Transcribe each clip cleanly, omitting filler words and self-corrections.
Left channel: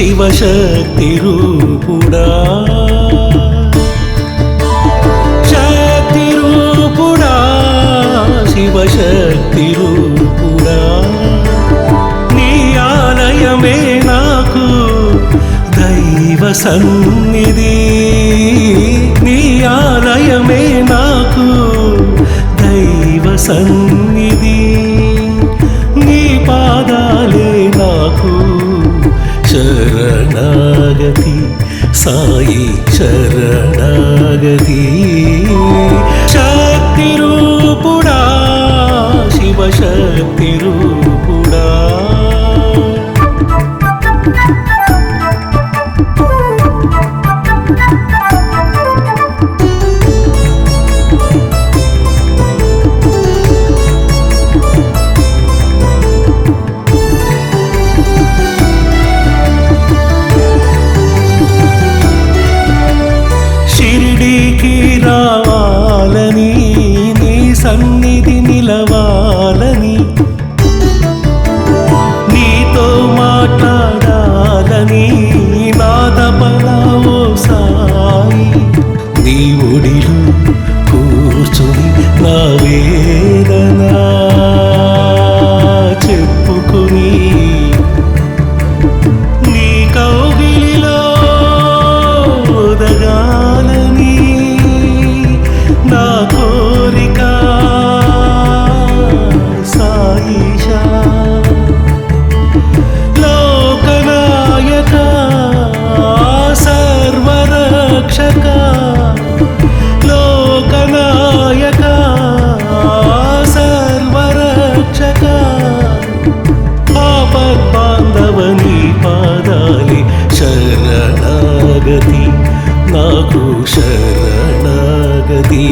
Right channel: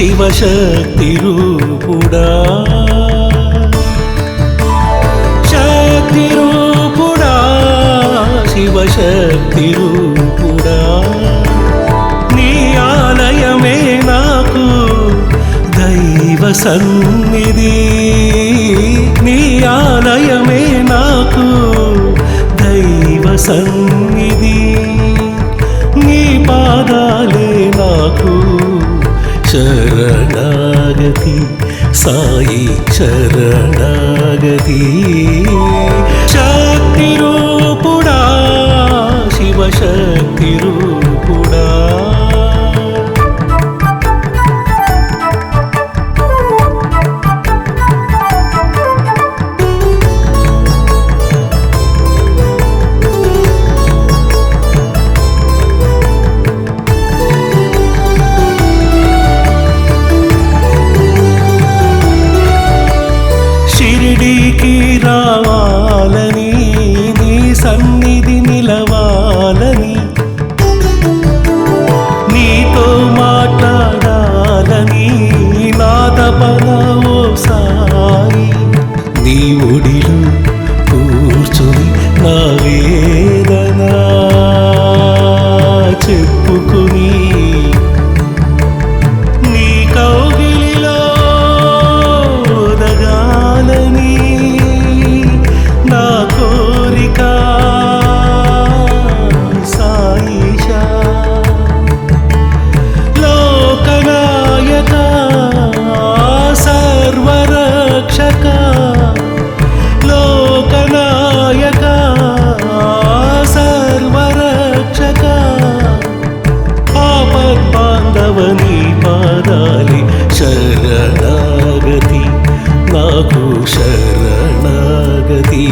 శివశక్తి రూపుడా శక్తి రూపుడా శివశక్తి రూపుడా నీ ఆలయమే నాకు దైవ సన్నిధి నీ ఆలయమే నాకు దైవ సన్నిధి నీ పాదాలే నాకు శరణాగతి సాయి శరణాగతి శక్తి రూపుడా శివశక్తి రూపుడా షిరిడీకి రావాలని నీ సన్నిధి నిలవాలని నీతో మాట్లాడాలని నా తపన ఓ సాయి నీ ఒడిలో కూర్చుని నా వేదన చెప్పుకుని నీ కౌగిలిలో ఒదగాలని నా కోరిక సాయిషా లోకనాయక సర్వరక్షక లోకనాయక సర్వరక్షక ఆపద్బాంధవని పాదాలి శరణాగతి నాకు శరణాగతి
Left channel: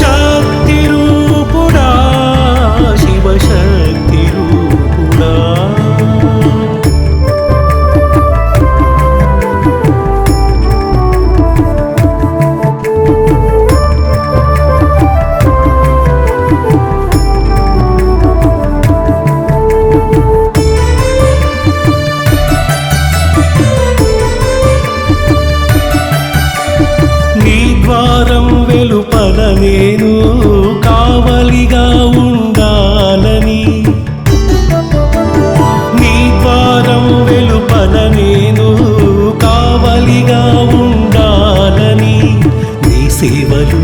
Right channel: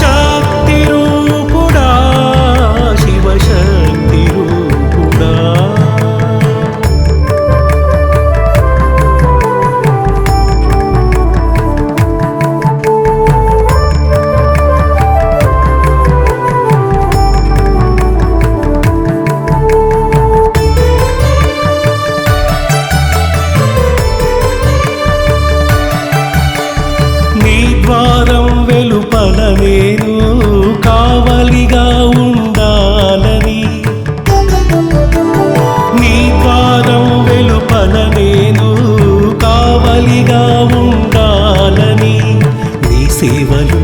శక్తి రూపుడా శివశక్తి రూపుడా నీ ద్వారం వెలుపల నేను కావలిగా ఉండాలని నీ ద్వారం వెలుపల నేను కావలిగా ఉండాలని నీ సేవలు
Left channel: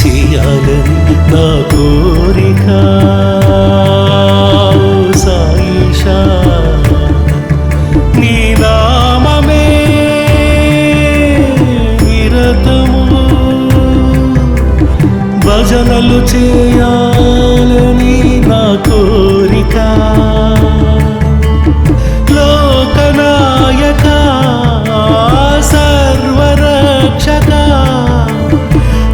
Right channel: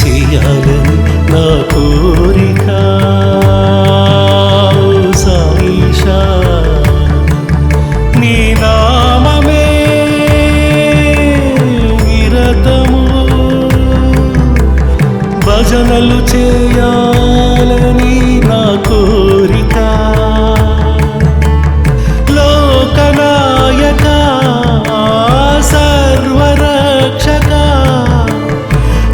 చేయాలని నా కోరిక ఓ సాయిషా నీ నామమే భజనలు చేయాలని నా కోరిక లోకనాయక సర్వరక్షక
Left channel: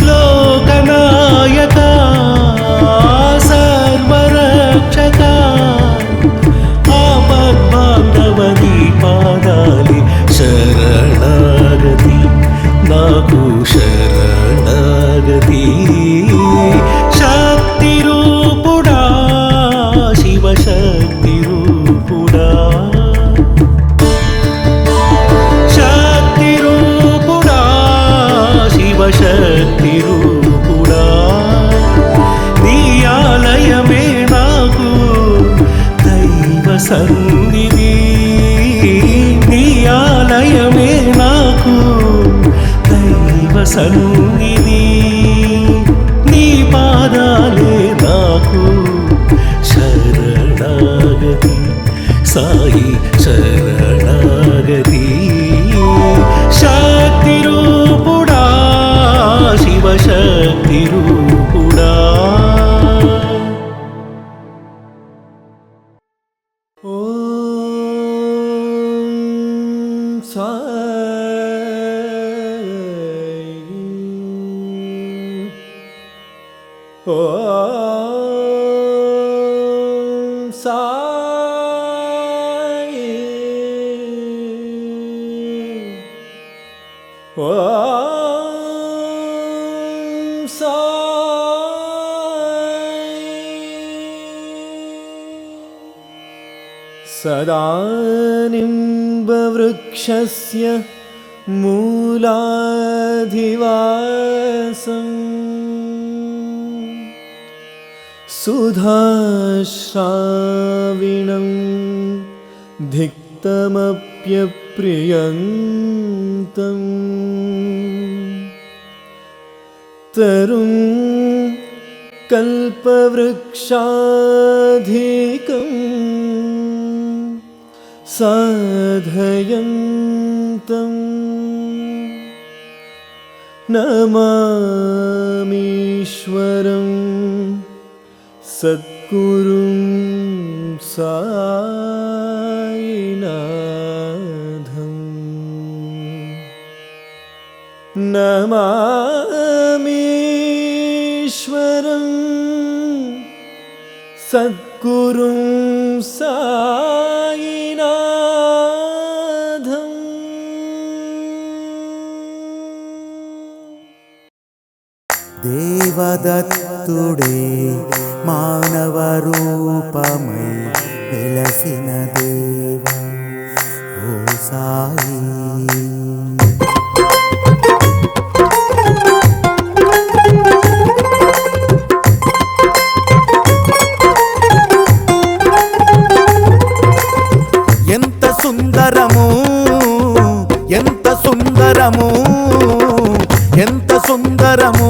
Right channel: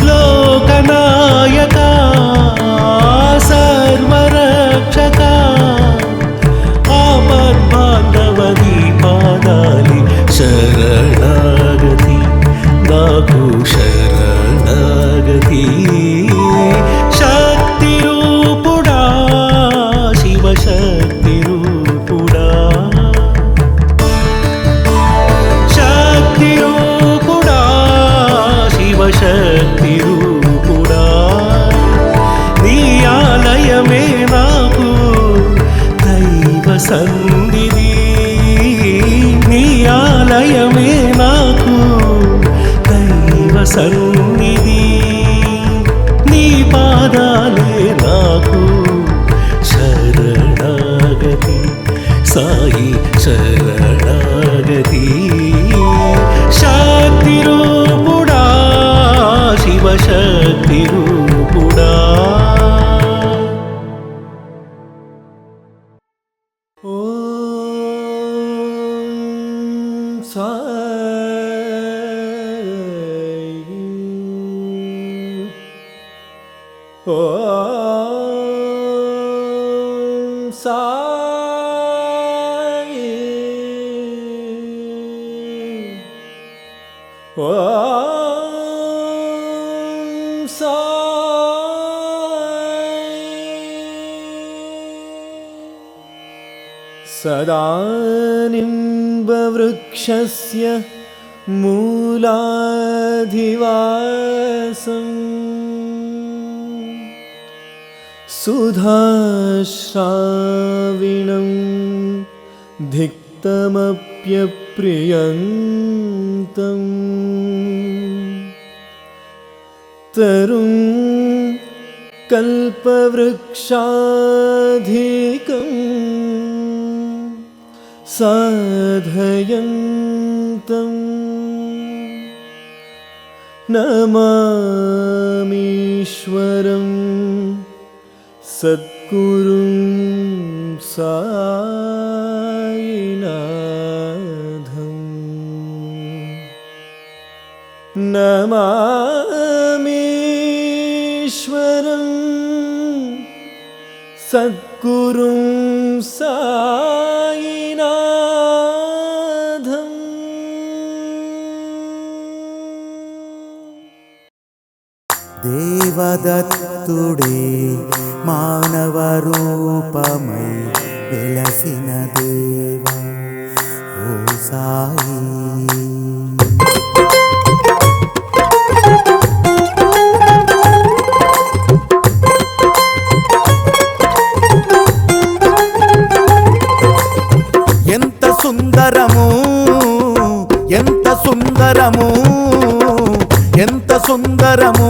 లోకనాయక సర్వరక్షక ఆపద్బాంధవని పాదాలి శరణాగతి నాకు శరణాగతి శక్తి రూపుడా శివశక్తి రూపుడా శక్తి రూపుడా శివశక్తి రూపుడా నీ ఆలయమే నాకు దైవ సన్నిధి నీ ఆలయమే నాకు దైవ సన్నిధి నీ పాదాలే నాకు శరణాగతి సాయి శరణాగతి శక్తి రూపుడా శివశక్తి రూపుడా सदा निम्बवृक्षस्य मूलाधिवासम् सुधाश्राविणं धिक्तमप्यप्रियन्तम् तरुं कल्पवृक्षाधिकम् साधयन्तम् नमामीश्वरं सद्गुरुं सायिनाथम् नमामीश्वरं सद्गुरुं सायिनाथम् దేవదత్తుడే మానవరూపమై వెలసిన దేవ ఓ సాయి ఎంత సుందరము ఎంత సుందరము ఎంత సుందరము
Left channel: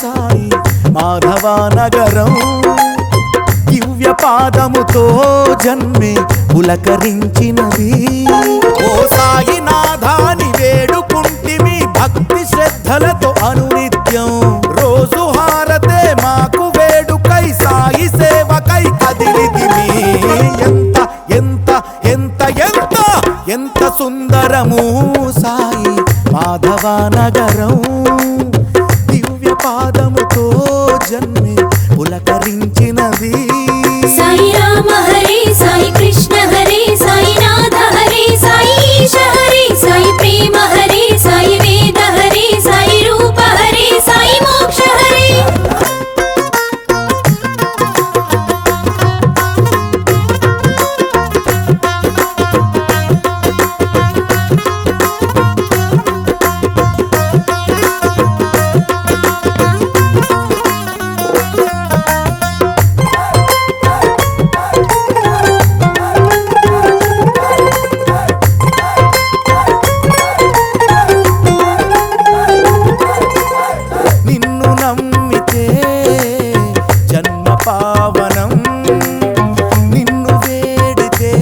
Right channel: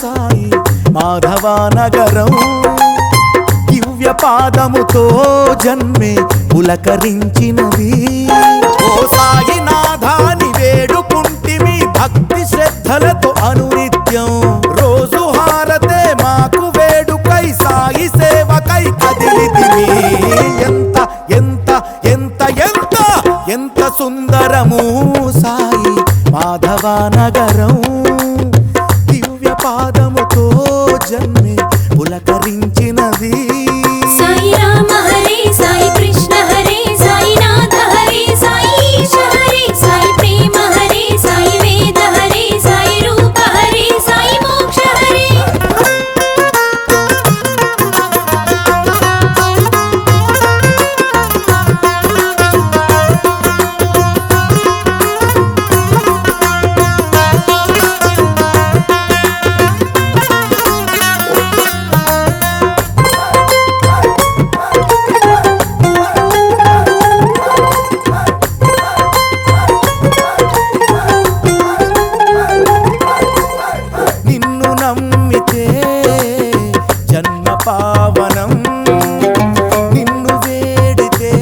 సాయి మాధవనగరం దివ్య పాదముతో జన్మే పులకరించినది ఓ సాయి నాథాని వేడుకుంటిమి భక్తి శ్రద్ధలతో అనునిత్యం రోజు హారతే మాకు వేడుకై సాయి సేవకై కదిలితిమి ఎంత ఎంత ఎంత ఎంత ఎంత సుందరము సాయి మాధవనగరం దివ్య పాదముతో జన్మే పులకరించినది సాయి రామ హరే సాయి కృష్ణ హరే సాయి నాథ హరే సాయి ఈశ హరే సాయి ప్రేమ హరే సాయి వేద హరే సాయి రూప హరే సాయి మోక్ష హరే నిన్ను నమ్మితే జన్మ పావనం నిన్ను వేడితే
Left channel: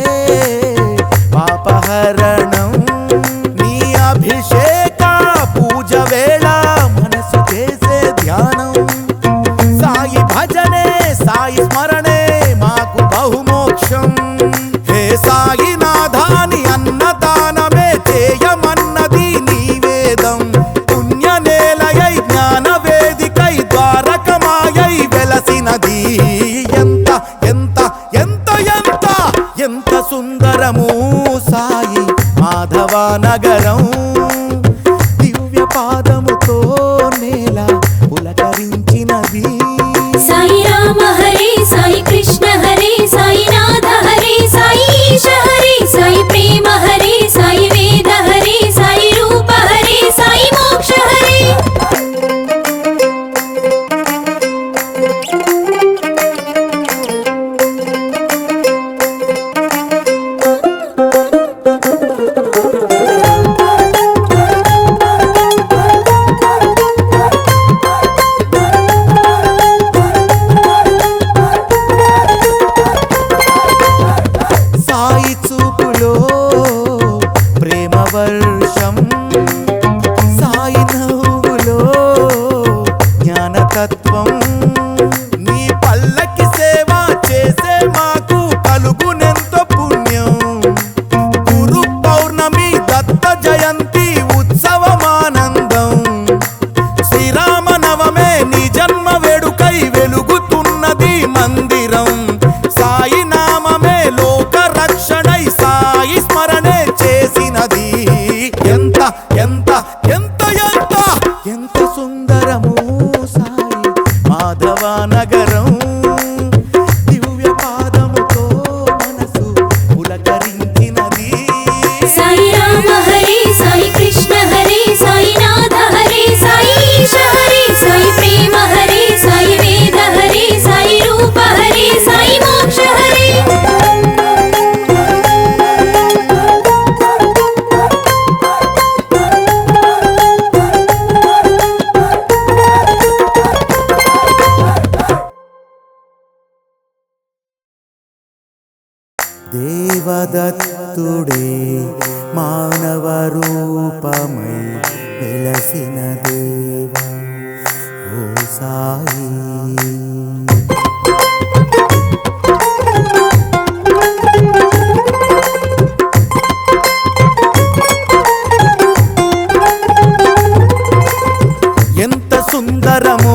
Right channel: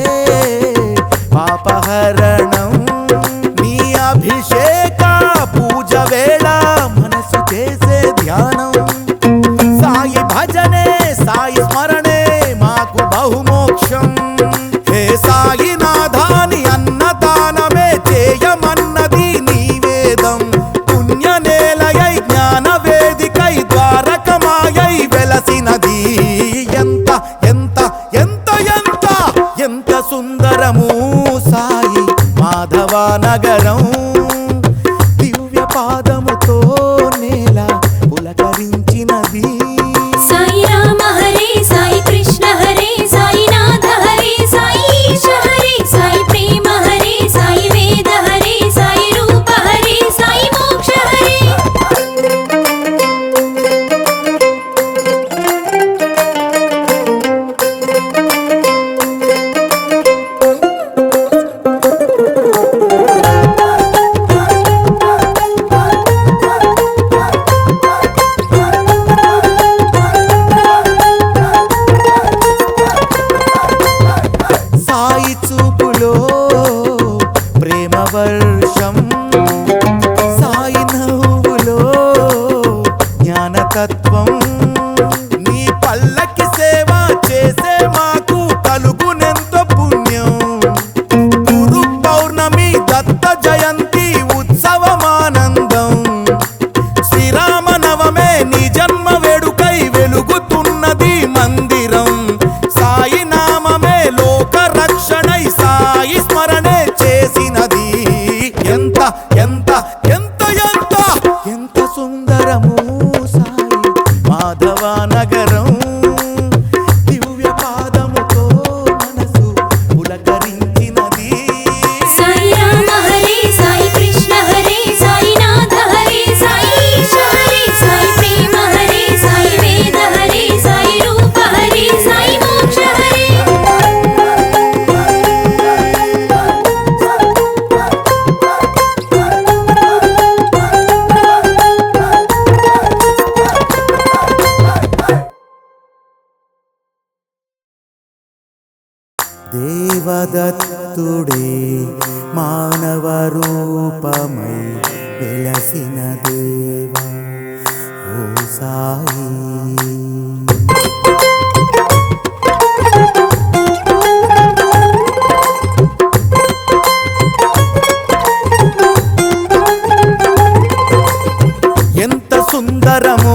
పాపహరణం నీ అభిషేక పూజ వేళ మనసు చేసే ధ్యానం సాయి భజనే సాయి స్మరణే మాకు బహుమోక్షం హే సాయి నాథాని అన్నదానమే చేయమన్నది నీ వేదం పుణ్య నేలయై జ్ఞాన వేదికై ద్వారకమాయై వెలసినది ఎంత ఎంత ఎంత ఎంత ఎంత సుందరము సాయి మాధవనగరం దివ్య పాదముతో నేల పులకరించినది సాయి రామ హరే సాయి కృష్ణ హరే సాయి నాథ హరే సాయి ఈశ హరే సాయి ప్రేమ హరే సాయి వేద హరే సాయి రూప హరే సాయి మోక్ష హరే సాయి చూపులో ప్రేమ వర్షం సాయి నవ్వులో జ్ఞానతత్వం నీ పల్లకి సేవ చేసే మాకు కలుగునెంతో పుణ్యం గురు పౌర్ణమి దత్త జయంతి ఉత్సవమానందం శ్రీరామ నవమే నీ జన్మ వేడుకై వెలుగుతున్నది మందిరం సాయి నామమే లోక రక్షణై సాయి స్మరణే చేసినది ఎంత ఎంత ఎంత ఎంత ఎంత సుందరము సాయి మాధవనగరం దివ్య పాదముతో మనసు పులక శివదత్తుడే మానవ రూపమై వెలసిన దేవా ఓ సాయి. ఎంత సుందరము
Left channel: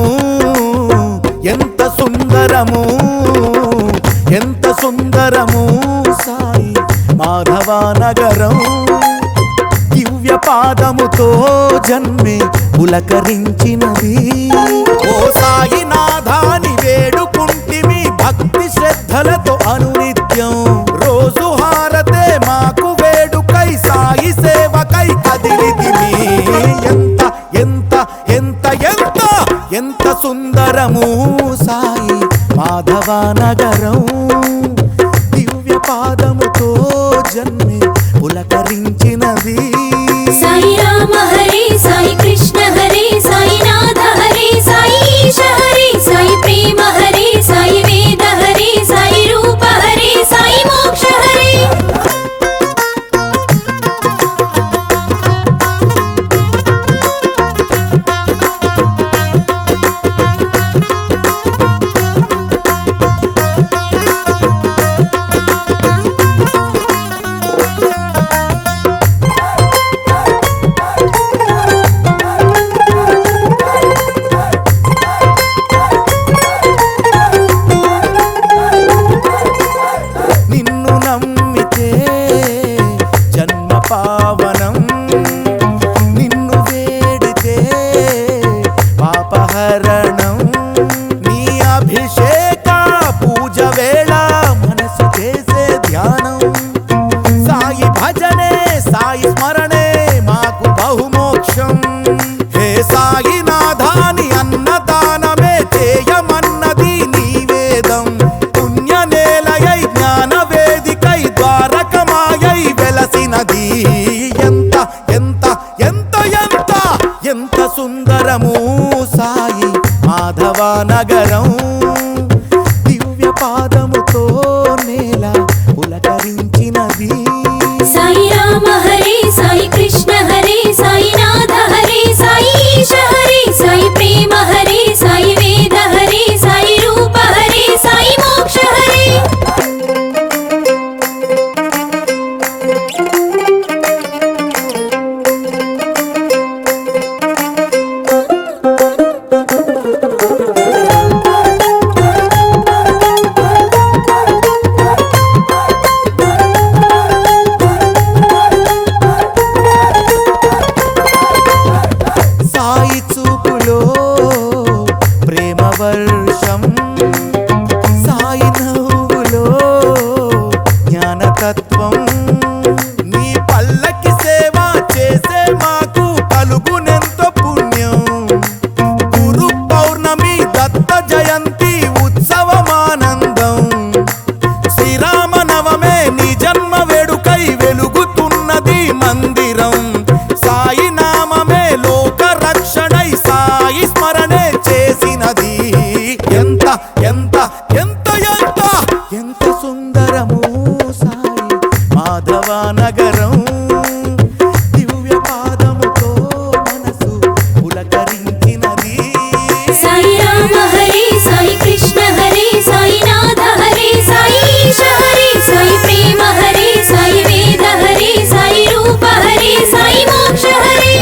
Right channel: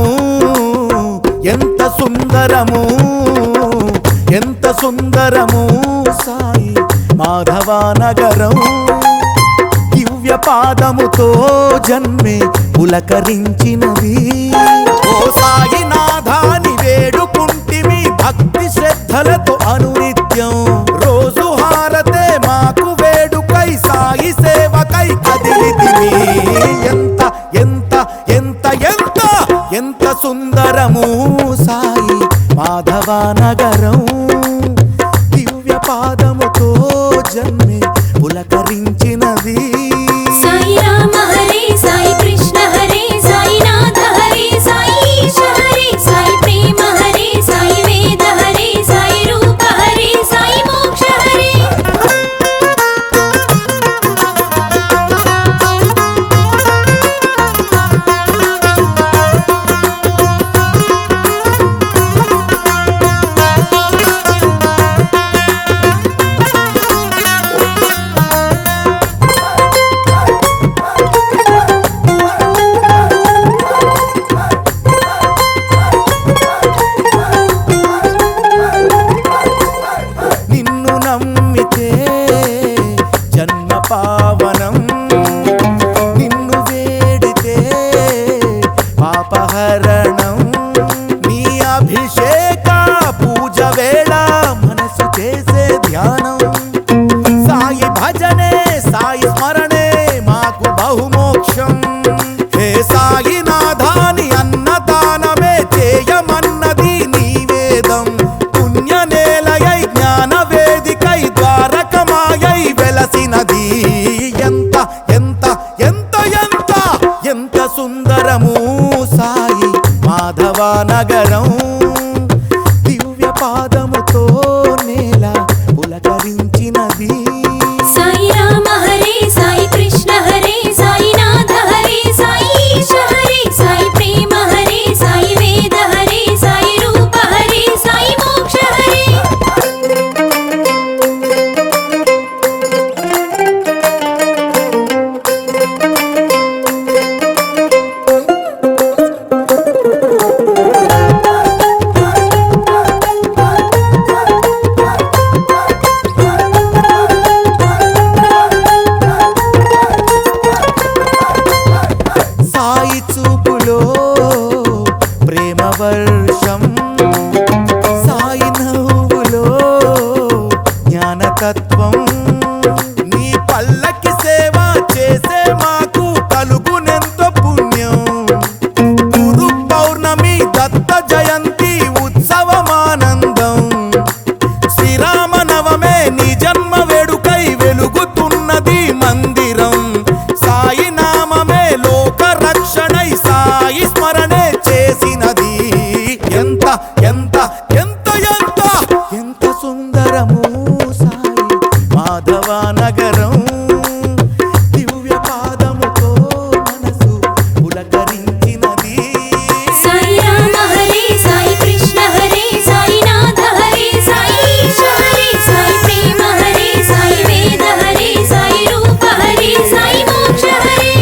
ఎంత సుందరము ఎంత సుందరము సాయి మాధవ నగరం. దివ్య పాదముతో జన్మే పులకరించినది. ఓ సాయి నాథాని వేడుకుంటిమి భక్తి శ్రద్ధలతో అనునిత్యం. రోజు హారతే మాకు వేడుకై సాయి సేవకై కదిలితిమి. ఎంత ఎంత ఎంత ఎంత ఎంత సుందరము సాయి మాధవ నగరం. దివ్య పాదముతో జన్మే పులకరించినది. సాయి రామ హరే సాయి కృష్ణ హరే సాయి నాథ హరే సాయి ఈశ హరే సాయి ప్రేమ హరే సాయి వేద హరే సాయి రూప హరే సాయి మోక్ష హరే. నిన్ను నమ్మితే జన్మ పావనం. నిన్ను వేడితే పాపహరణం. నీ అభిషేక పూజ వేళ మనసు చేసే ధ్యానం. సాయి భజనే సాయి స్మరణే మాకు బహుమోక్షం. హే సాయి నాథాని అన్నదానమే చేయమన్నది నీ వేదం. పుణ్యనేలయై జ్ఞాన వేదికై ద్వారకమాయై వెలసినది. ఎంత ఎంత ఎంత ఎంత ఎంత సుందరము సాయి మాధవ నగరం. దివ్య పాదముతో నేల పులకరించినది. సాయి రామ హరే సాయి కృష్ణ హరే సాయి నాథ హరే సాయి ఈశ హరే సాయి ప్రేమ హరే సాయి వేద హరే సాయి రూప హరే సాయి మోక్ష హరే. సాయి చూపులో ప్రేమ వర్షం. సాయి నవ్వులో జ్ఞానతత్వం. నీ పల్లకి సేవ చేసే మాకు కలుగునెంతో పుణ్యం. గురు పౌర్ణమి దత్త జయంతి ఉత్సవమానందం. శ్రీరామ నవమే నీ జన్మ వేడుకై వెలుగుతున్నది మందిరం. సాయి నామమే లోక రక్షణై సాయి స్మరణే చేసినది. ఎంత ఎంత ఎంత ఎంత ఎంత సుందరము సాయి మాధవ నగరం. దివ్య పాదముతో మనసు పులకరించినది. సాయి రామ హరే సాయి కృష్ణ హరే సాయి నాథ హరే సాయి ఈశ హరే సాయి ప్రేమ హరే సాయి వేద హరే సాయి రూప హరే సాయి మోక్ష హరే.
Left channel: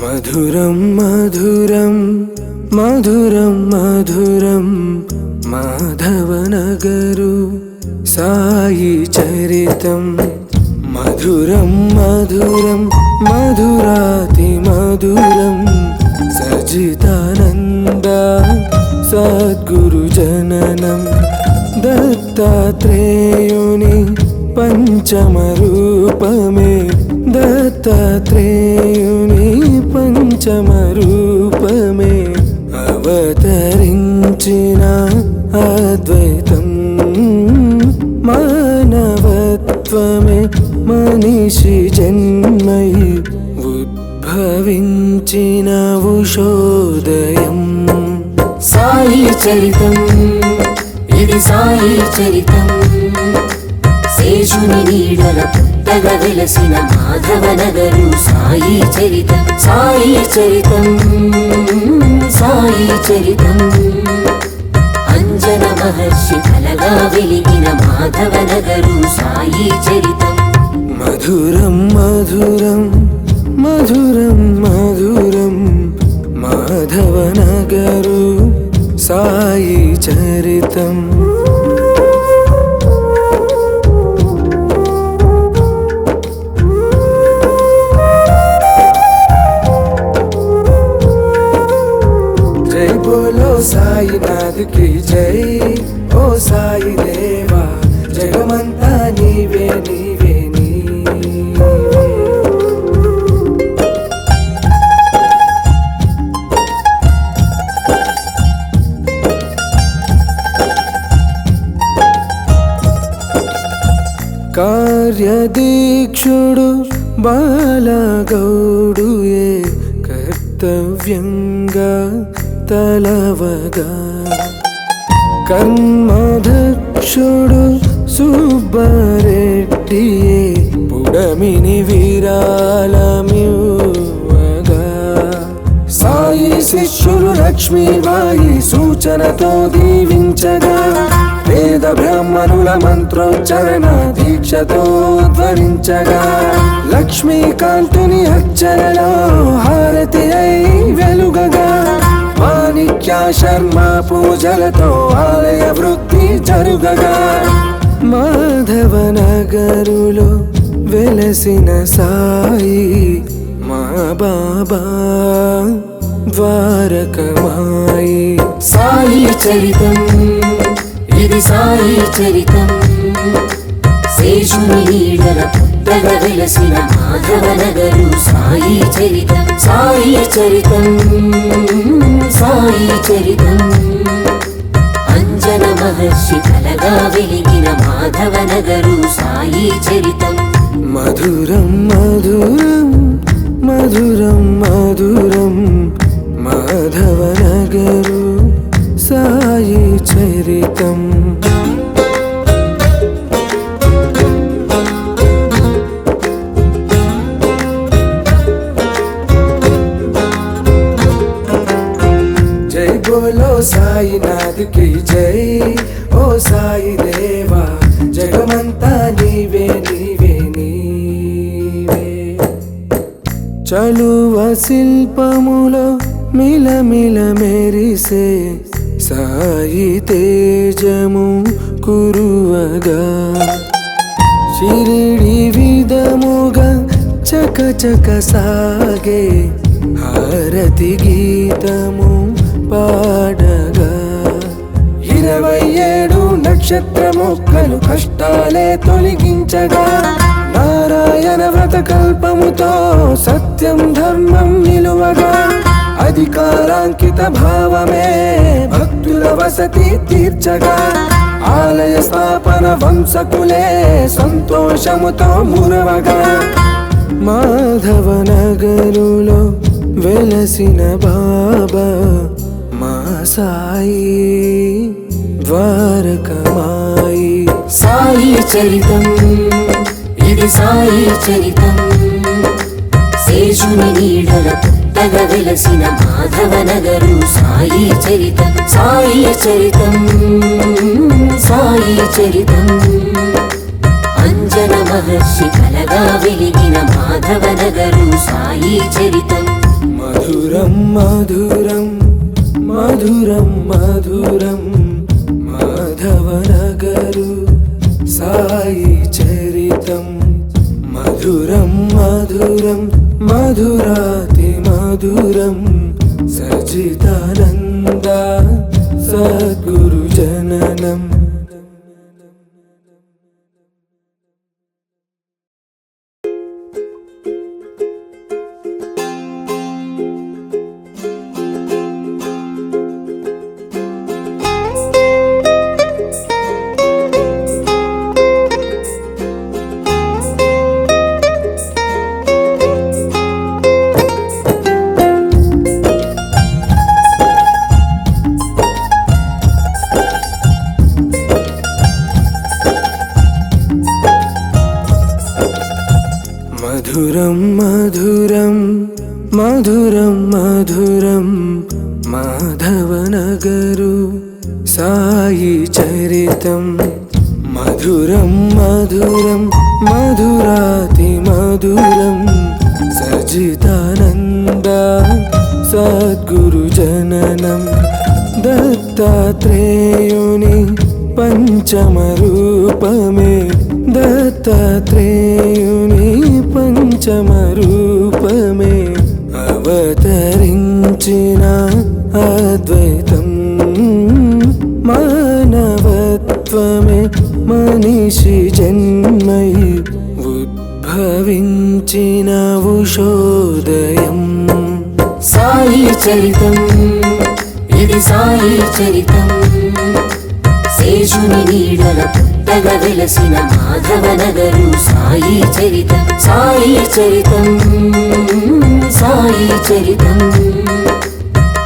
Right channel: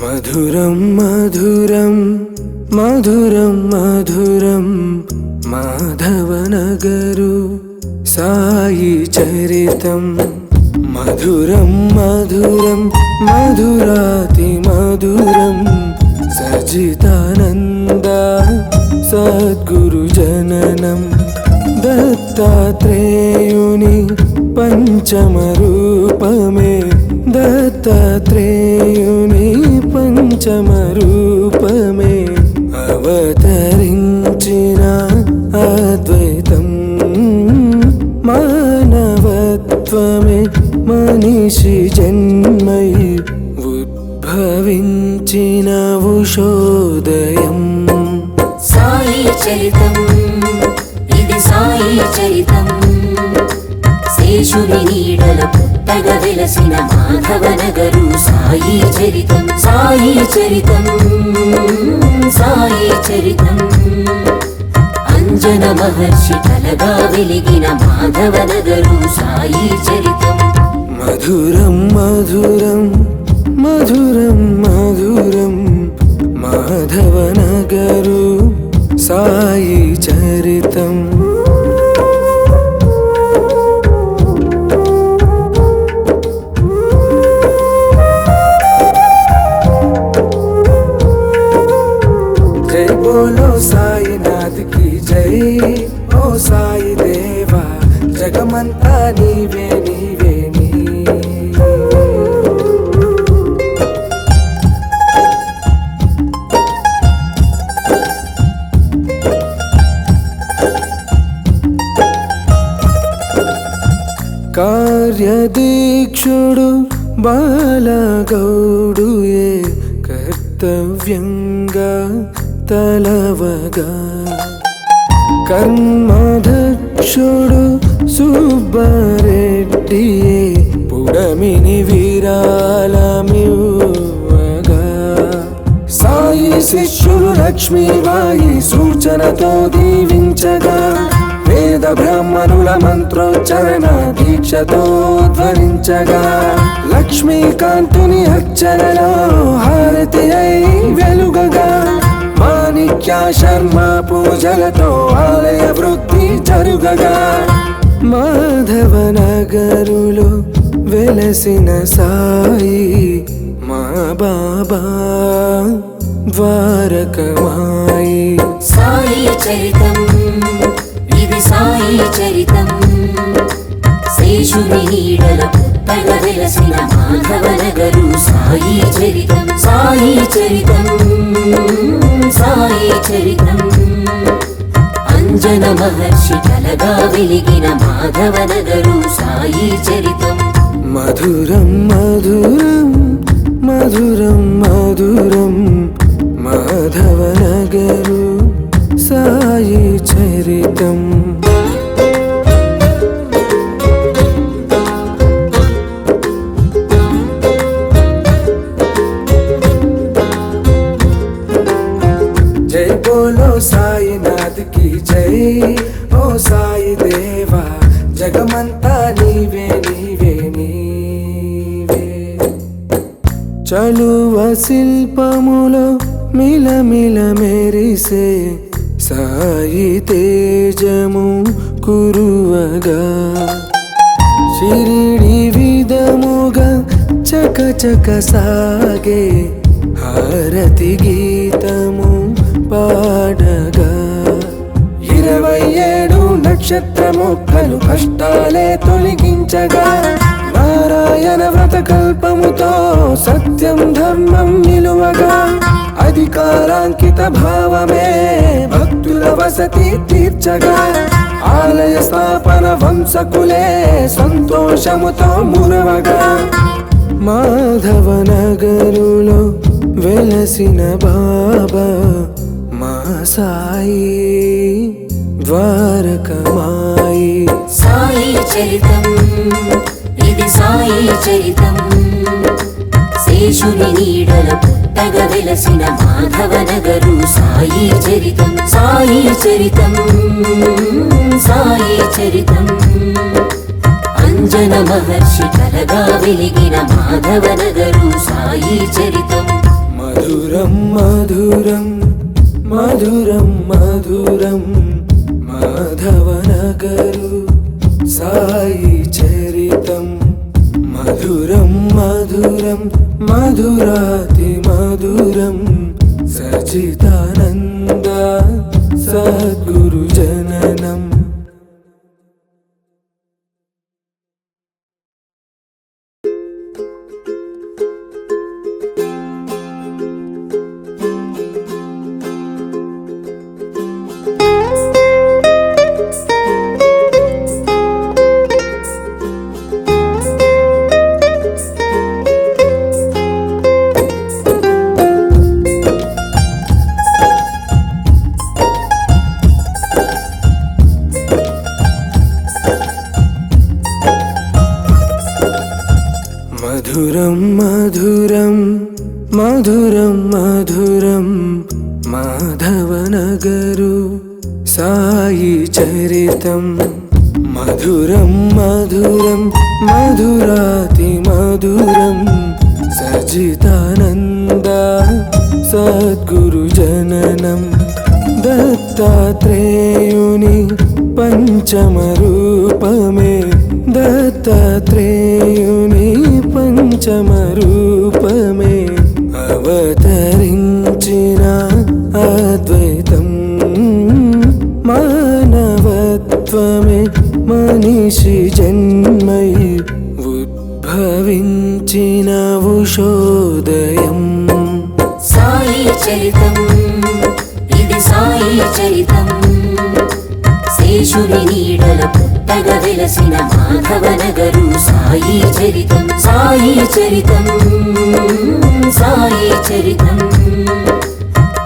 మధురం మధురం మధురం మధురం మాధవ నగరు సాయి చరితం మధురం మధురం మధురాతి మధురం సజితానంద సద్గురు జననం దత్తాత్రేయుని పంచమ రూపమే దత్తాత్రేయుని పంచమ రూపమే అవతరించిన అద్వైతం మానవత్వమే మనిషి జన్మై ఉద్భవించిన ఉషోదయం సాయి చరితం ఇది సాయి చరితం శేషుని నీడల పుట్టగ వెలసిన మాధవ నగరు సాయి చరితం సాయి చరితం సాయి చరితం అంజన మహర్షి కలగా వెలిగిన మాధవ నగరు సాయి చరితం మధురం మధురం మధురం మధురం మాధవ నగరు సాయి చరితం జై బోలో సాయినాథ్ కి జై ఓ సాయి దేవా జగమంతా నీవే నీవే నీవే కార్యదీక్షుడు బాలగౌడుయే కర్తవ్యంగా తలవగా కర్మదక్షుడు సుబ్బారెడ్డియే పుడమిని విరాళమివ్వగా సాయి శిష్యులు లక్ష్మీబాయి సూచనతో దీవించగా వేద బ్రాహ్మణుల మంత్రోచ్చరణ దీక్షతో ధ్వనించగా లక్ష్మీకాంతుని అర్చనలో హారతి అయి వెలుగగా మాణిక్య శర్మ పూజలతో ఆలయ వృద్ధి జరుగగా మాధవ నగరులో వెలసిన సాయి మా బాబా ద్వారకమాయి సాయి చరితం ఇది సాయి చరితం శేషుని నీడల పుట్టగ వెలసిన మాధవ నగరు సాయి చరితం సాయి చరితం సాయి చరితం అంజన మహర్షి కలగా వెలిగిన మాధవ నగరు సాయి చరితం మధురం మధురం మధురం మధురం మాధవ నగరు సాయి చరితం జై బోలో సాయినాథ్ కి జై ఓ సాయి దేవా జగమంతా నీవే నీవే నీవే చలువ శిల్పములో మిలమిల మెరిసే సాయి తేజము కురువగా షిరిడి విధముగా చక చక సాగే హారతి గీతము పాడగా 27 నక్షత్ర మొక్కలు కష్టాలే తొలగించగా నారాయణ వ్రత కల్పముతో సత్యం ధర్మం నిలువగా అధికారాంకిత భావమే భక్తుల వసతి తీర్చగా ఆలయ స్థాపన వంశకులే సంతోషముతో మురవగా మాధవ నగరులో వెలసిన బాబా మా సాయి ద్వారకమాయి సాయి చరితం ఇది సాయి చరితం శేషుని నీడల పుట్టగ వెలసిన మాధవ నగరు సాయి చరితం సాయి చరితం సాయి చరితం అంజన మహర్షి కలగా వెలిగిన మాధవ నగరు సాయి చరితం మధురం మధురం మధురం మధురం మాధవ నగరు సాయి చరితం మధురం మధురం మధురాతి మధురం సజితానంద సద్గురు జననం మధురం మధురం మధురం మధురం మాధవనగరు సాయి చరితం మధురం మధురం మధురాతి మధురం సజితానంద సద్గురు జననం దత్తాత్రేయుని పంచమ రూపమే దత్తాత్రేయుని పంచమ రూపమే అవతరించిన అద్వైతం మానవత్వమే మనిషి జన్మై ఉద్భవించిన ఉషోదయం సాయి చరితం ఇది సాయి చరితం శేషుని నీడల పుట్టగ వెలసిన మాధవనగరు సాయి చరితం సాయి చరితం సాయి చరితం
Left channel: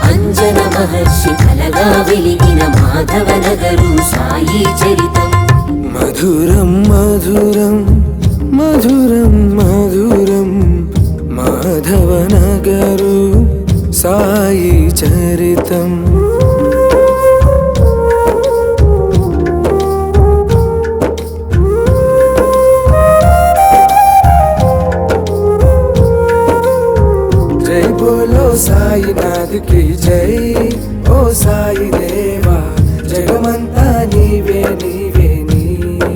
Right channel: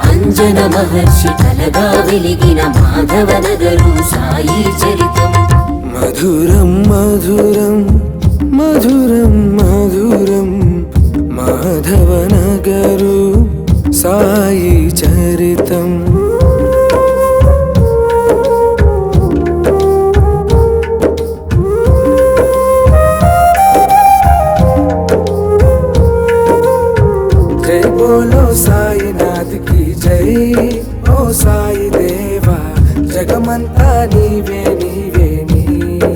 అంజన మహర్షి కలగా వెలిగిన మాధవనగరు సాయి చరితం మధురం మధురం మధురం మధురం మాధవనగరు సాయి చరితం జై బోలో సాయినాథ్ కి జై ఓ సాయి దేవా జగమంతా నీవే నీవే నీవే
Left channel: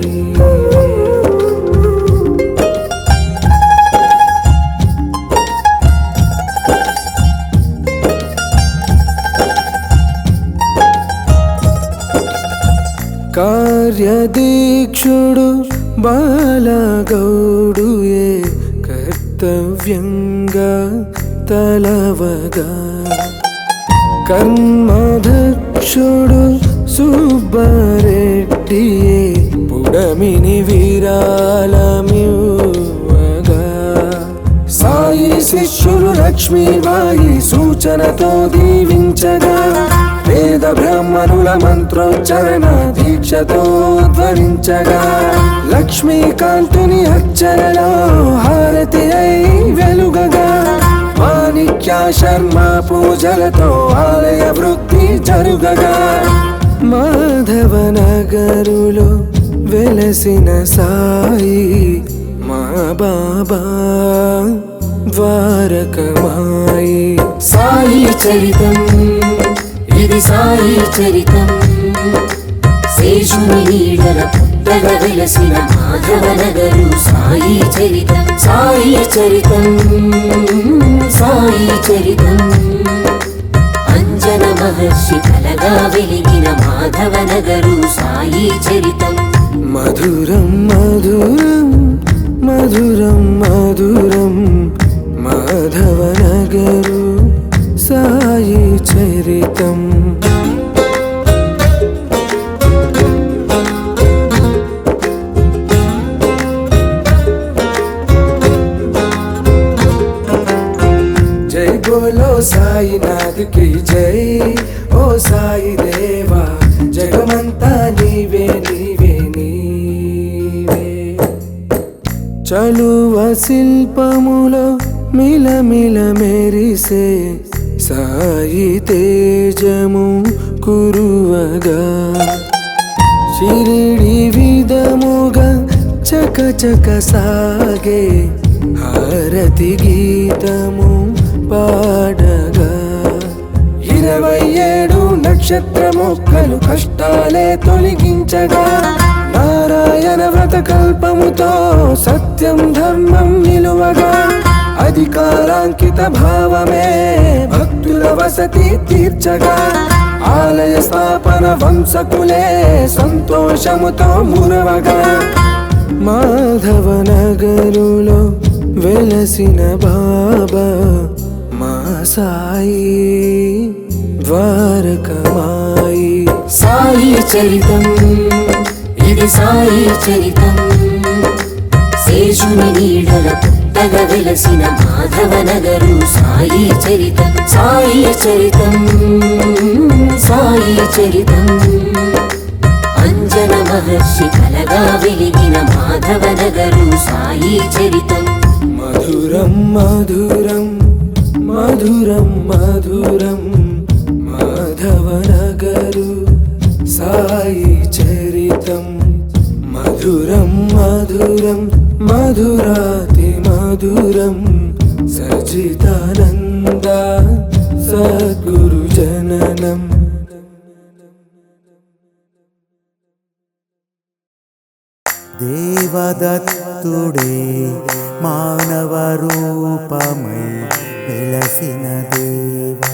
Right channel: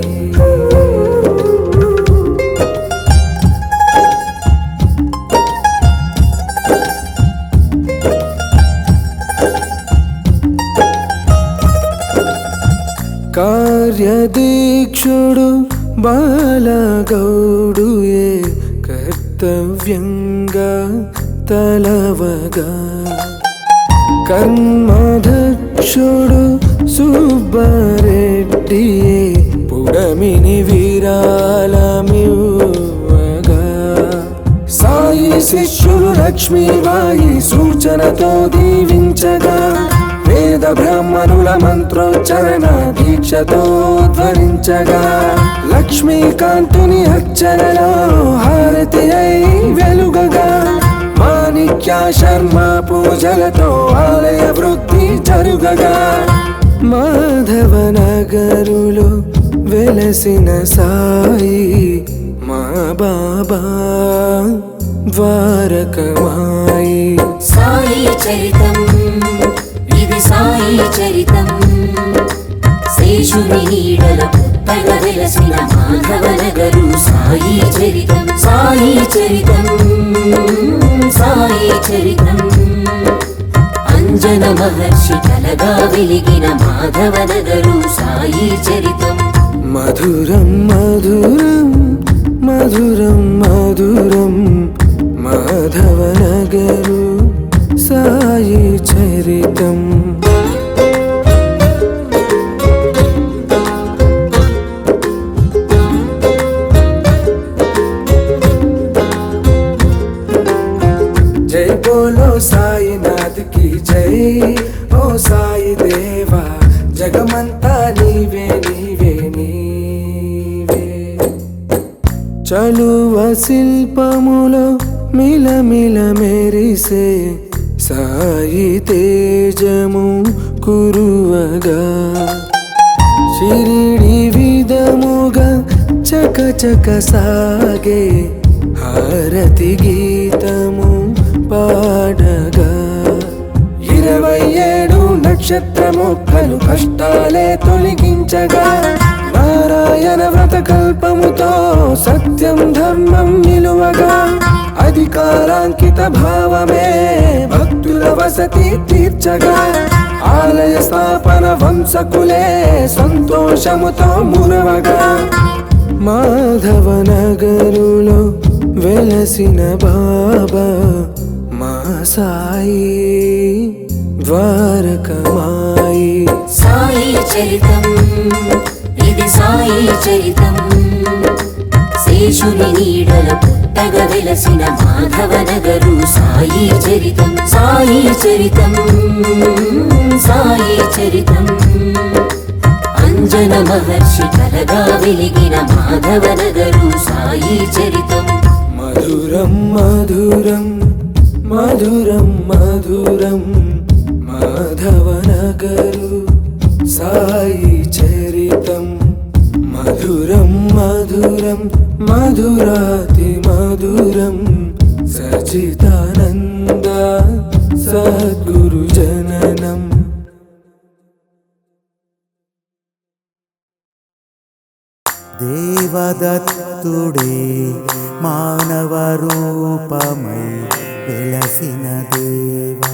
కార్యదీక్షుడు బాలగౌడుయే కర్తవ్యంగా తలవగా కర్మదక్షుడు సుబ్బారెడ్డియే పుడమిని విరాళమివ్వగా సాయి శిష్యులు లక్ష్మీబాయి సూచనతో దీవించగా వేద బ్రాహ్మణుల మంత్రోచ్చరణ దీక్షతో ధ్వనించగా లక్ష్మీకాంతుని అర్చనలో హారతి అయి వెలుగగా మాణిక్య శర్మ పూజలతో ఆలయ వృద్ధి జరుగగా మాధవనగరులో వెలసిన సాయి మా బాబా ద్వారకమాయి సాయి చరితం ఇది సాయి చరితం శేషుని నీడల పుట్టగ వెలసిన మాధవనగరు సాయి చరితం సాయి చరితం సాయి చరితం అంజన మహర్షి కలగా వెలిగిన మాధవనగరు సాయి చరితం మధురం మధురం మధురం మధురం మాధవనగరు సాయి చరితం జై బోలో సాయినాథ్ కి జై ఓ సాయి దేవా జగమంతా నీవే నీవే నీవే చలువ శిల్పములో మిలమిల మెరిసే సాయి తేజము కురువగా షిరిడి విధముగా చక చక సాగే హారతి గీతము పాడగా 27 నక్షత్ర మొక్కలు కష్టాలే తొలగించగా నారాయణ వ్రత కల్పముతో సత్యం ధర్మం నిలువగా అధికారాంకిత భావమే భక్తుల వసతి తీర్చగా ఆలయ స్థాపన వంశకులే సంతోషముతో మురవగా మాధవ నగరులో వెలసిన బాబా మా సాయి ద్వారకమాయి సాయి చరితం ఇది సాయి చరితం శేషుని నీడల పుట్టగ వెలసిన మాధవ నగరు సాయి చరితం సాయి చరితం సాయి చరితం అంజన మహర్షి కలగా వెలిగిన మాధవ నగరు సాయి చరితం మధురం మధురం మధురం మధురం మాధవ నగరు సాయి చరితం మధురం మధురం మధురాతి మధురం సచితానంద సద్గురు జననం దేవదత్తుడే మానవ రూపమై వెలసిన దేవా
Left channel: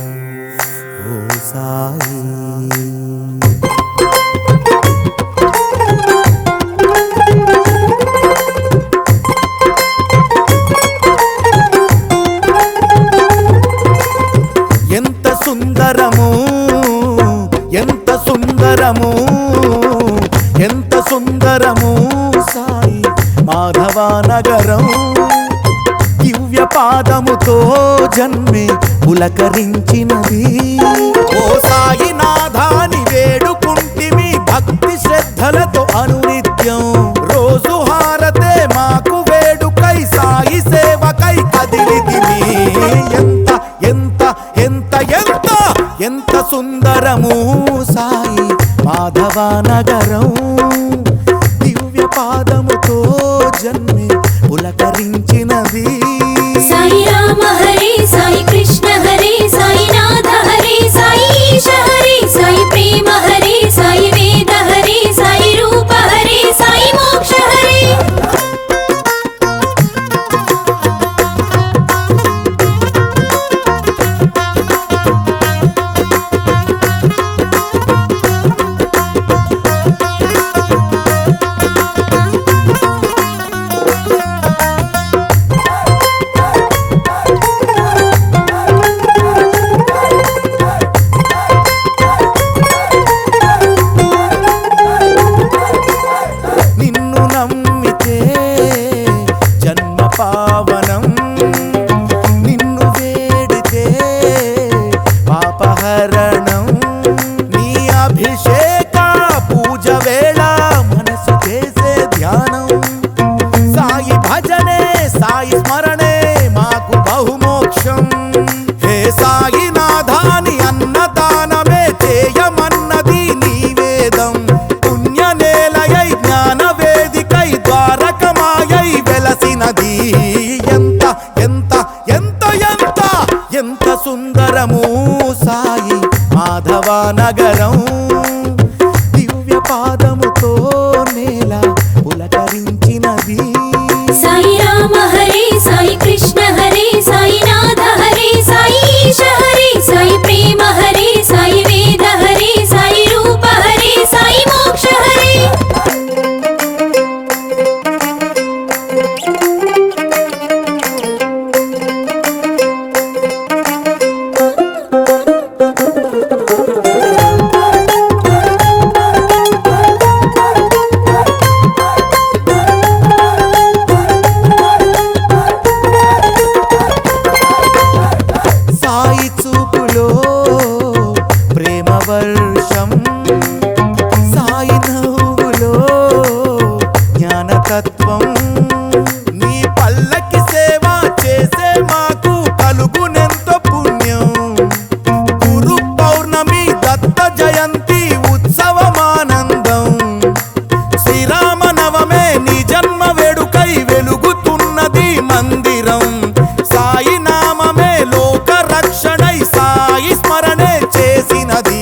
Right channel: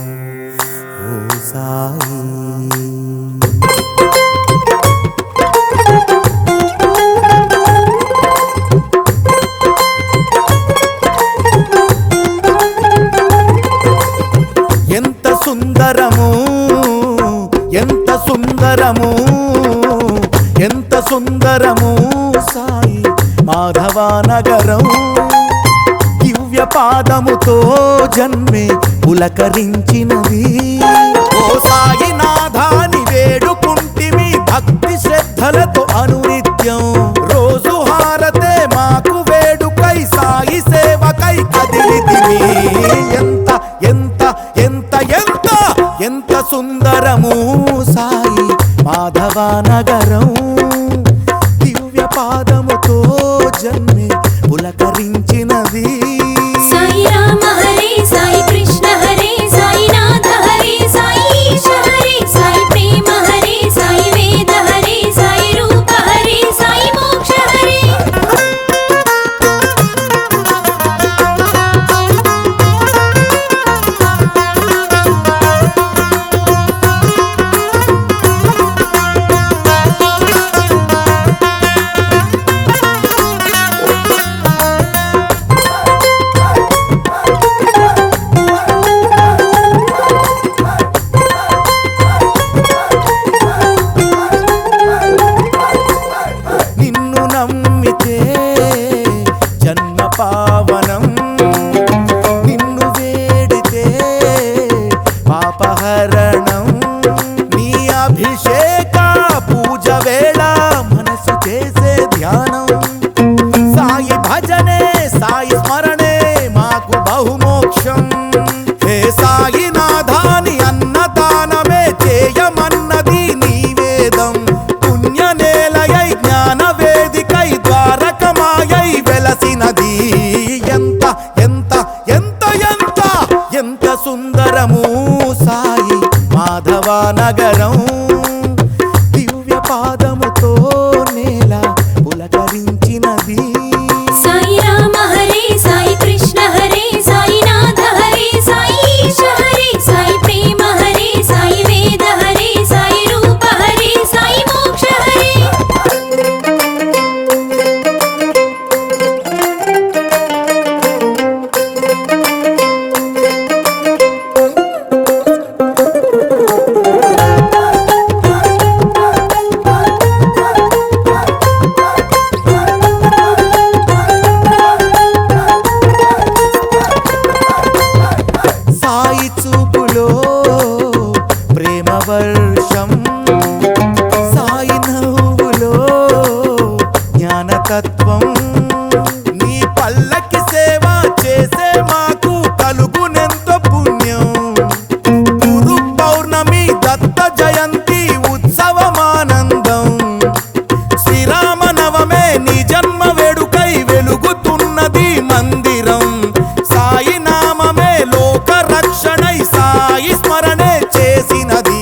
ఓ సాయి ఎంత సుందరము ఎంత సుందరము ఎంత సుందరము సాయి మాధవ నగరం దివ్య పాదముతో జన్మే పులకరించినది ఓ సాయినాథాని వేడుకుంటిమి భక్తి శ్రద్ధలతో అనునిత్యం రోజు హారతే మాకు వేడుకై సాయి సేవకై కదిలితిమి ఎంత ఎంత ఎంత ఎంత ఎంత సుందరము సాయి మాధవ నగరం దివ్య పాదముతో జన్మే పులకరించినది సాయి రామ హరే సాయి కృష్ణ హరే సాయి నాథ హరే సాయి ఈశ హరే సాయి ప్రేమ హరే సాయి వేద హరే సాయి రూప హరే సాయి మోక్ష హరే నిన్ను నమ్మితే జన్మ పావనం నిన్ను వేడితే పాపహరణం నీ అభిషేక పూజ వేళ మనసు చేసే ధ్యానం సాయి భజనే సాయి స్మరణే మాకు బహుమోక్షం హే సాయినాథాని అన్నదానమే చేయమన్నది నీ వేదం పుణ్యనేలయై జ్ఞాన వేదికై ద్వారకమాయై వెలసినది ఎంత ఎంత ఎంత ఎంత ఎంత సుందరము సాయి మాధవ నగరం దివ్య పాదముతో నేల పులకరించినది సాయి రామ హరే సాయి కృష్ణ హరే సాయి నాథ హరే సాయి ఈశ హరే సాయి ప్రేమ హరే సాయి వేద హరే సాయి రూప హరే సాయి మోక్ష హరే సాయి చూపులో ప్రేమ వర్షం సాయి నవ్వులో జ్ఞానతత్వం నీ పల్లకి సేవ చేసే మాకు కలుగునెంతో పుణ్యం గురు పౌర్ణమి దత్త జయంతి ఉత్సవమానందం శ్రీరామ నవమే నీ జన్మ వేడుకై వెలుగుతున్నది మందిరం సాయి నామమే లోక రక్షణై సాయి స్మరణే చేసినది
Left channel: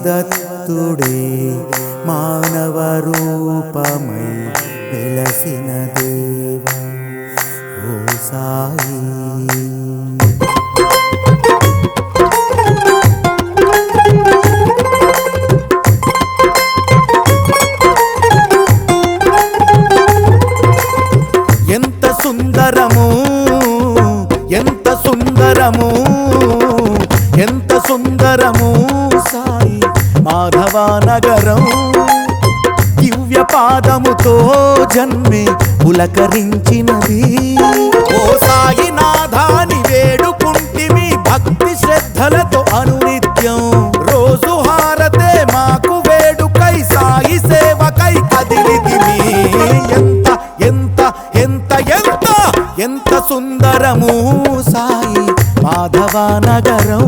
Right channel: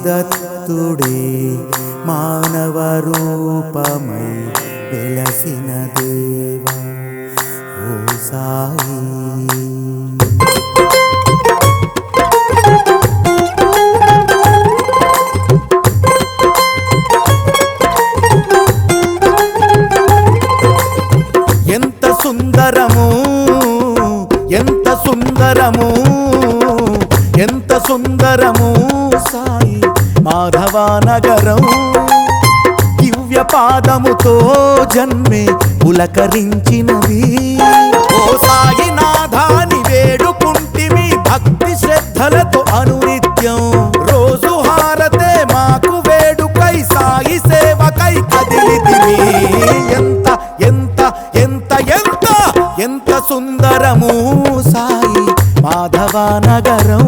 శివదత్తుడే మానవ రూపమై వెలసిన దేవా ఓ సాయి. ఎంత సుందరము ఎంత సుందరము ఎంత సుందరము సాయి మాధవ నగరం. దివ్య పాదముతో జన్మే పులకరించినది. ఓ సాయినాథాని వేడుకుంటిమి భక్తి శ్రద్ధలతో అనునిత్యం. రోజు హారతే మాకు వేడుకై సాయి సేవకై కదిలితిమి. ఎంత ఎంత ఎంత ఎంత ఎంత సుందరము సాయి మాధవ నగరం.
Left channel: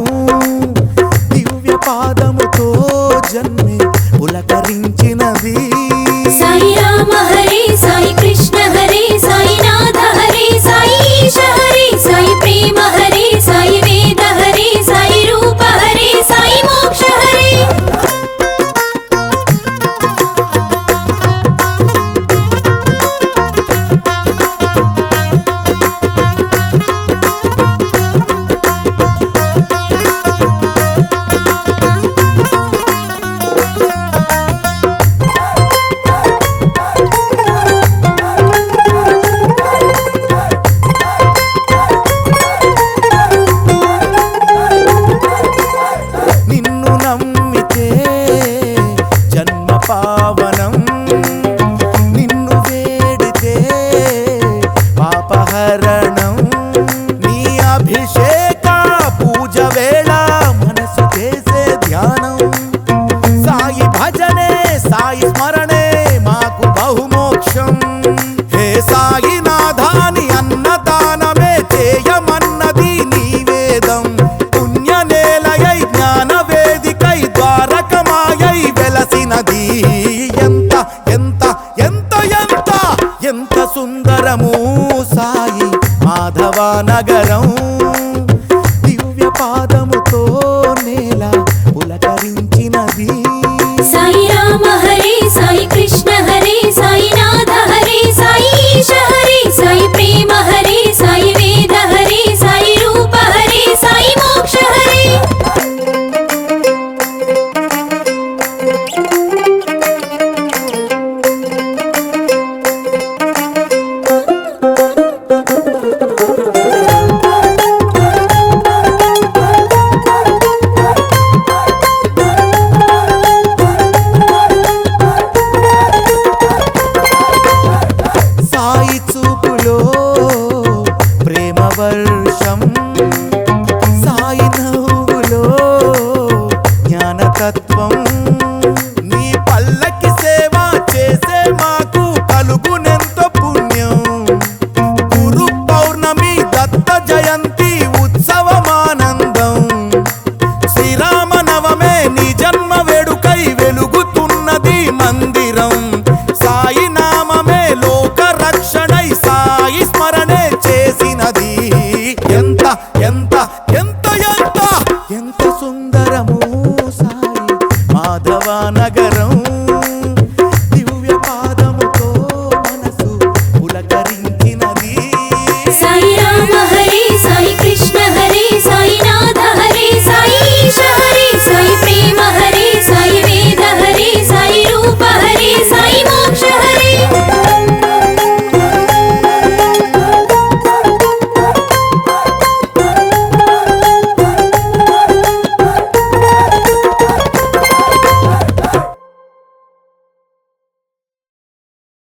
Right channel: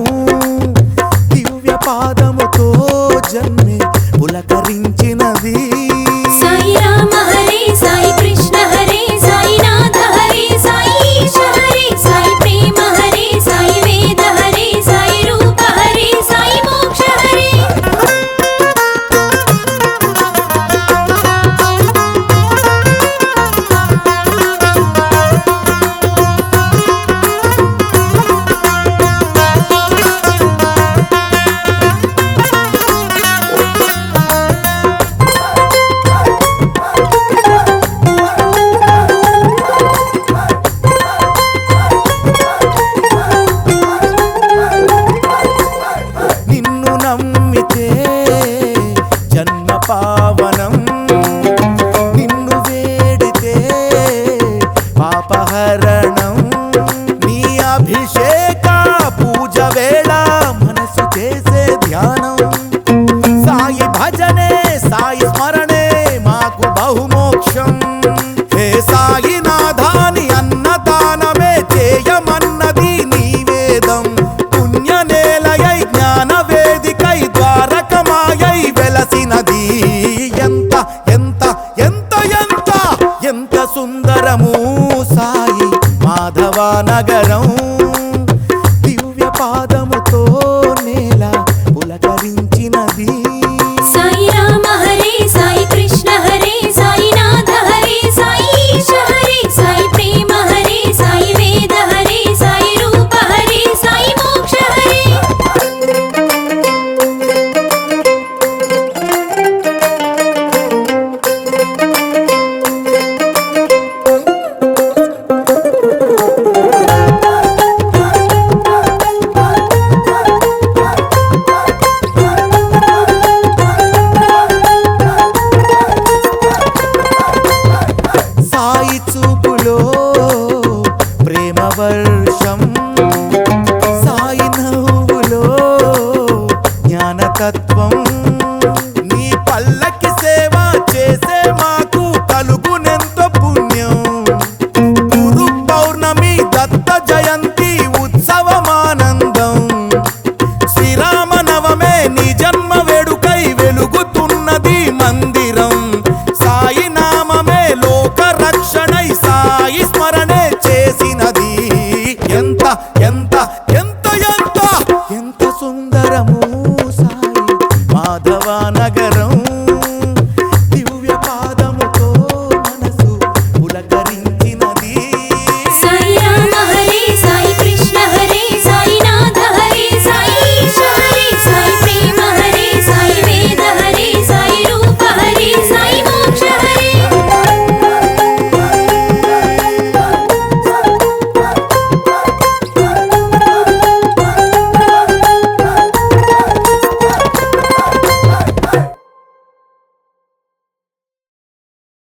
దివ్య పాదముతో జన్మే పులకరించినది. సాయి రామ హరే సాయి కృష్ణ హరే సాయి నాథ హరే సాయి ఈశ హరే సాయి ప్రేమ హరే సాయి వేద హరే సాయి రూప హరే సాయి మోక్ష హరే. నిన్ను నమ్మితే జన్మ పావనం. నిన్ను వేడితే పాపహరణం. నీ అభిషేక పూజ వేళ మనసు చేసే ధ్యానం. సాయి భజనే సాయి స్మరణే మాకు బహుమోక్షం. హే సాయినాథాని అన్నదానమే చేయమన్నది నీ వేదం. పుణ్యనేలయై జ్ఞాన వేదికై ద్వారకమాయై వెలసినది. ఎంత ఎంత ఎంత ఎంత ఎంత సుందరము సాయి మాధవ నగరం. దివ్య పాదముతో నేల పులకరించినది. సాయి రామ హరే సాయి కృష్ణ హరే సాయి నాథ హరే సాయి ఈశ హరే సాయి ప్రేమ హరే సాయి వేద హరే సాయి రూప హరే సాయి మోక్ష హరే. సాయి చూపులో ప్రేమ వర్షం. సాయి నవ్వులో జ్ఞానతత్వం. నీ పల్లకి సేవ చేసే మాకు కలుగునెంతో పుణ్యం. గురు పౌర్ణమి దత్త జయంతి ఉత్సవమానందం. శ్రీరామ నవమే నీ జన్మ వేడుకై వెలుగుతున్నది మందిరం. సాయి నామమే లోక రక్షణై సాయి స్మరణే చేసినది. ఎంత ఎంత ఎంత ఎంత ఎంత సుందరము సాయి మాధవ నగరం.